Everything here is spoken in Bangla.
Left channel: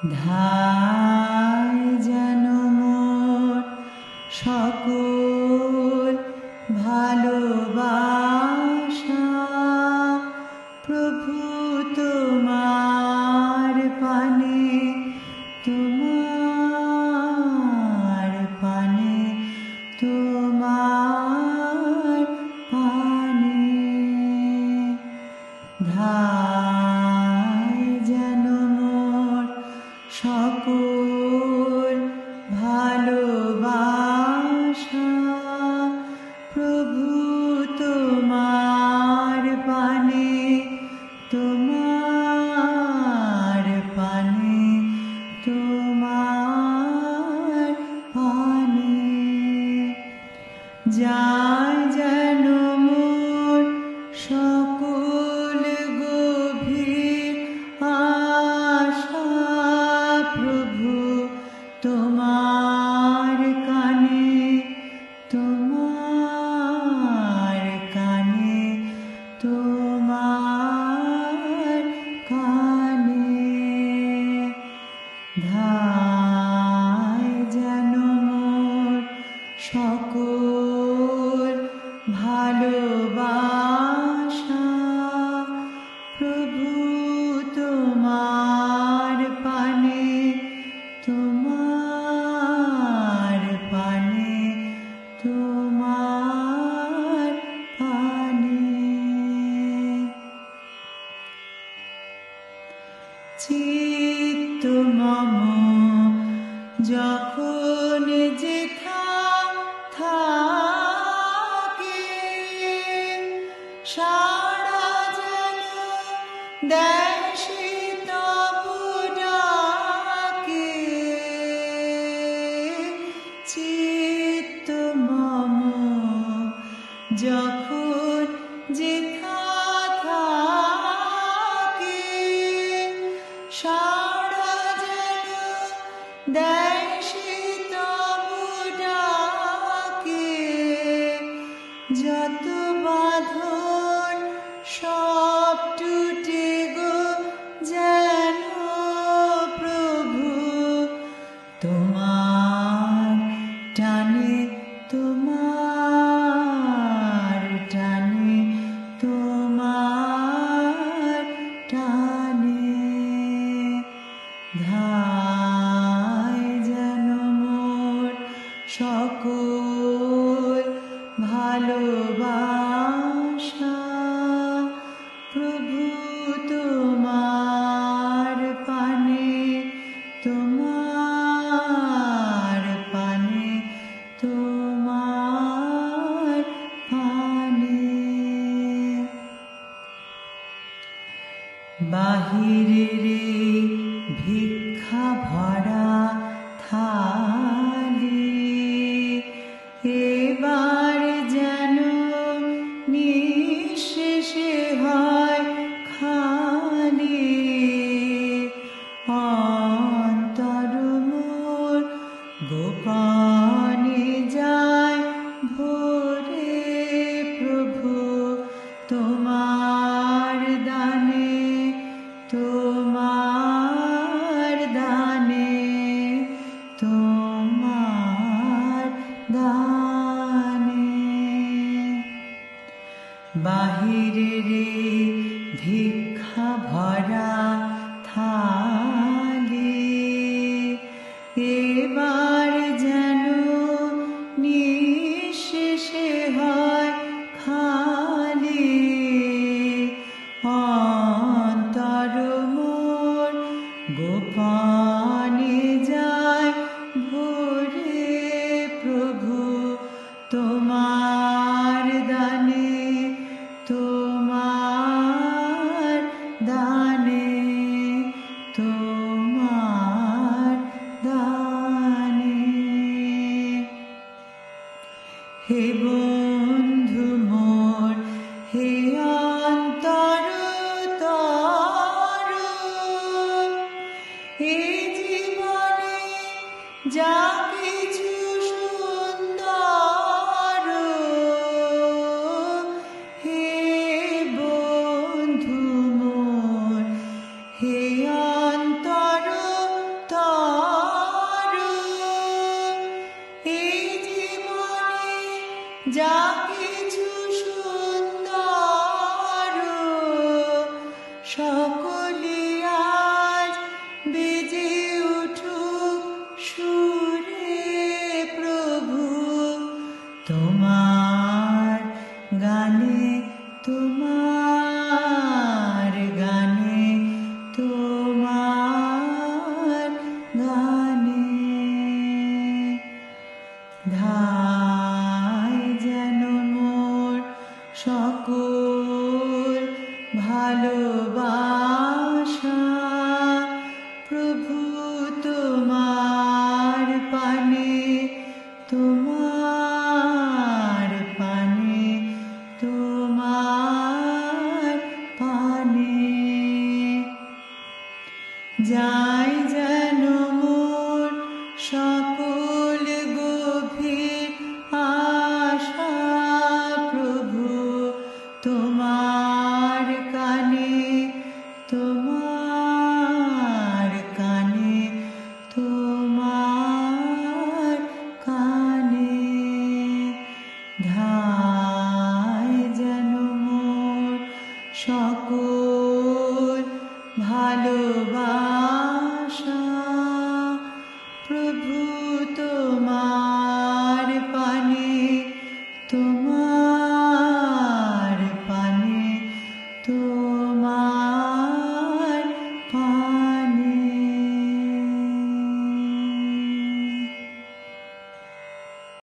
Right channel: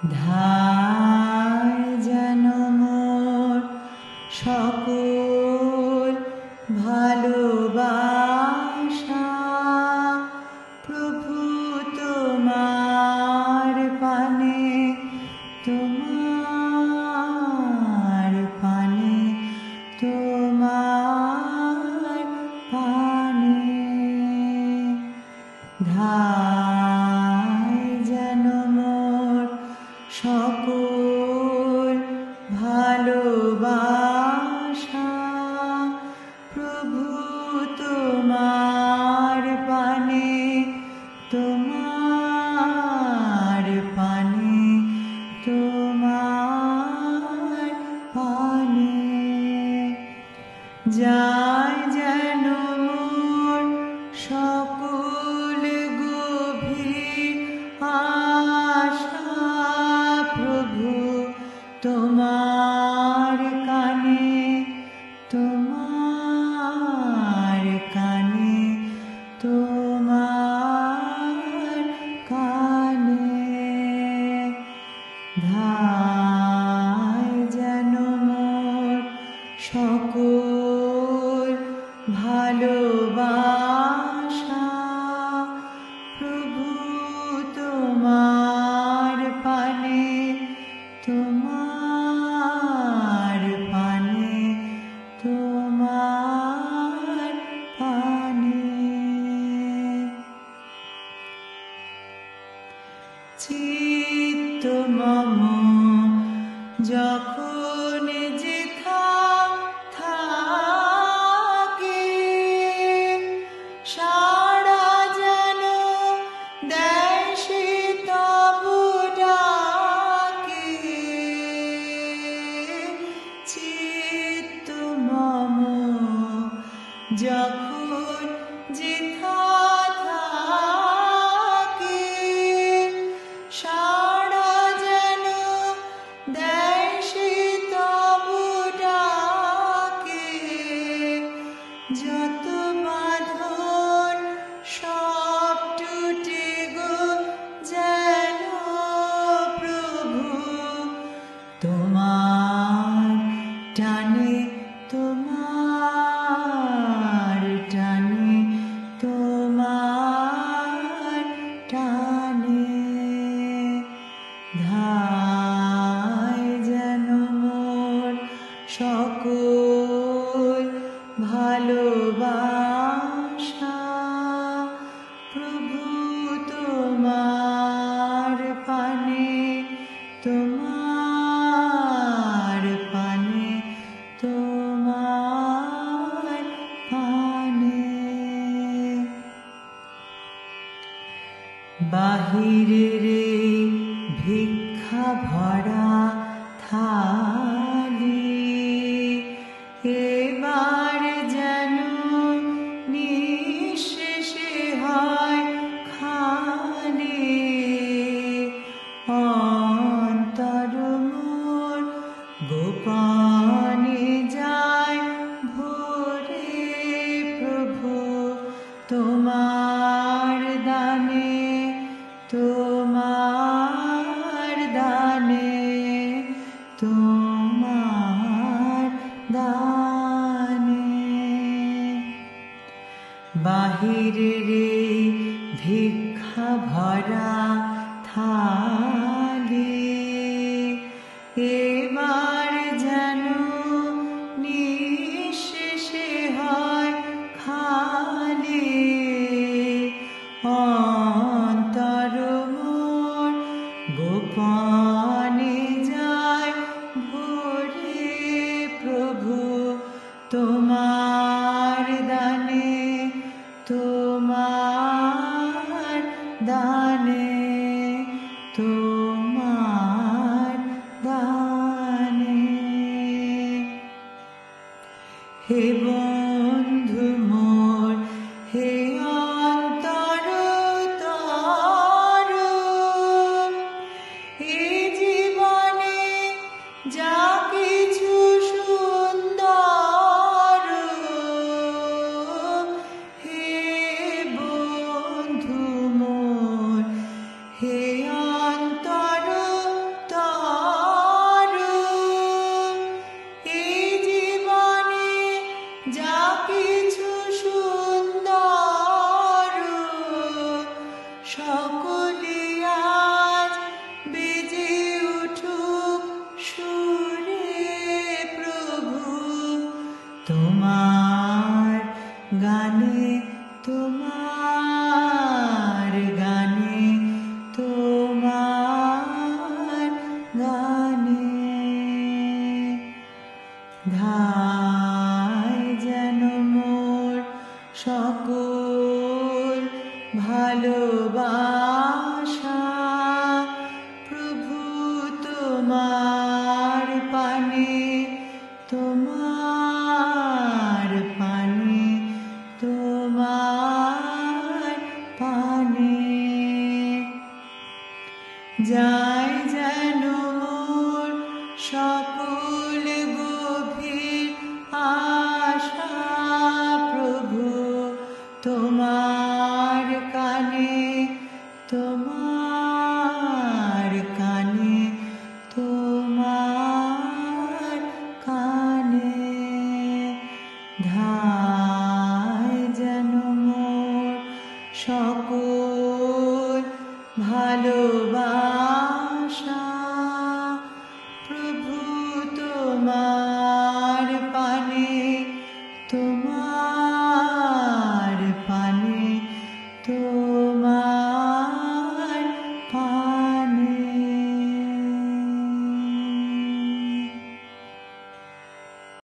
ধায় যেন মোর সকল ভালোবাসা প্রভু তোমার পানে, তোমার পানে, তোমার পানে। ধায় যেন মোর সকল ভালোবাসা প্রভু তোমার পানে, তোমার পানে, তোমার পানে। যায় যেন মোর সকল গভীর আশা প্রভু তোমার কানে, তোমার কানে, তোমার কানে। ধায় যেন মোর সকল ভালোবাসা প্রভু তোমার পানে, তোমার পানে, তোমার পানে। চিত্ত মম যখন যেথা থাকে সাড়া যেন দেয় সে তবু ডাকে। চিত্ত মম যখন যেথা থাকে সাড়া যেন দেয় সে তবু ডাকে। যত বাঁধন সব টুটে গো যেন প্রভু তোমার টানে, তোমার টানে, তোমার টানে। ধায় যেন মোর সকল ভালোবাসা প্রভু তোমার পানে, তোমার পানে, তোমার পানে। বাহিরের ভিক্ষা ভরা থালি এবার যেন নিঃশেষে হয় খালি। অন্তর মোর গোপনে যায় ভরে প্রভু তোমার দানে, তোমার দানে, তোমার দানে। বাহিরের ভিক্ষা ভরা থালি এবার যেন নিঃশেষে হয় খালি। অন্তর মোর গোপনে যায় ভরে প্রভু তোমার দানে, তোমার দানে, তোমার দানে। হে বন্ধু মোর, হে অন্তর তর, হে জীবনে যা কিছু সুন্দর, হে বন্ধু মোর, হে অন্তর সকলে আজ বেজে উঠুক সুরে প্রভু তোমার গানে, তোমার গানে, তোমার গানে। ধায় যেন মোর সকল ভালোবাসা প্রভু তোমার পানে, তোমার পানে, তোমার পানে। যাই যেন মোর সকল গভীর আশা প্রভু তোমার কানে, তোমার কানে, তোমার কানে। ধায় যেন মোর সকল ভালোবাসা প্রভু তোমার পানে, তোমার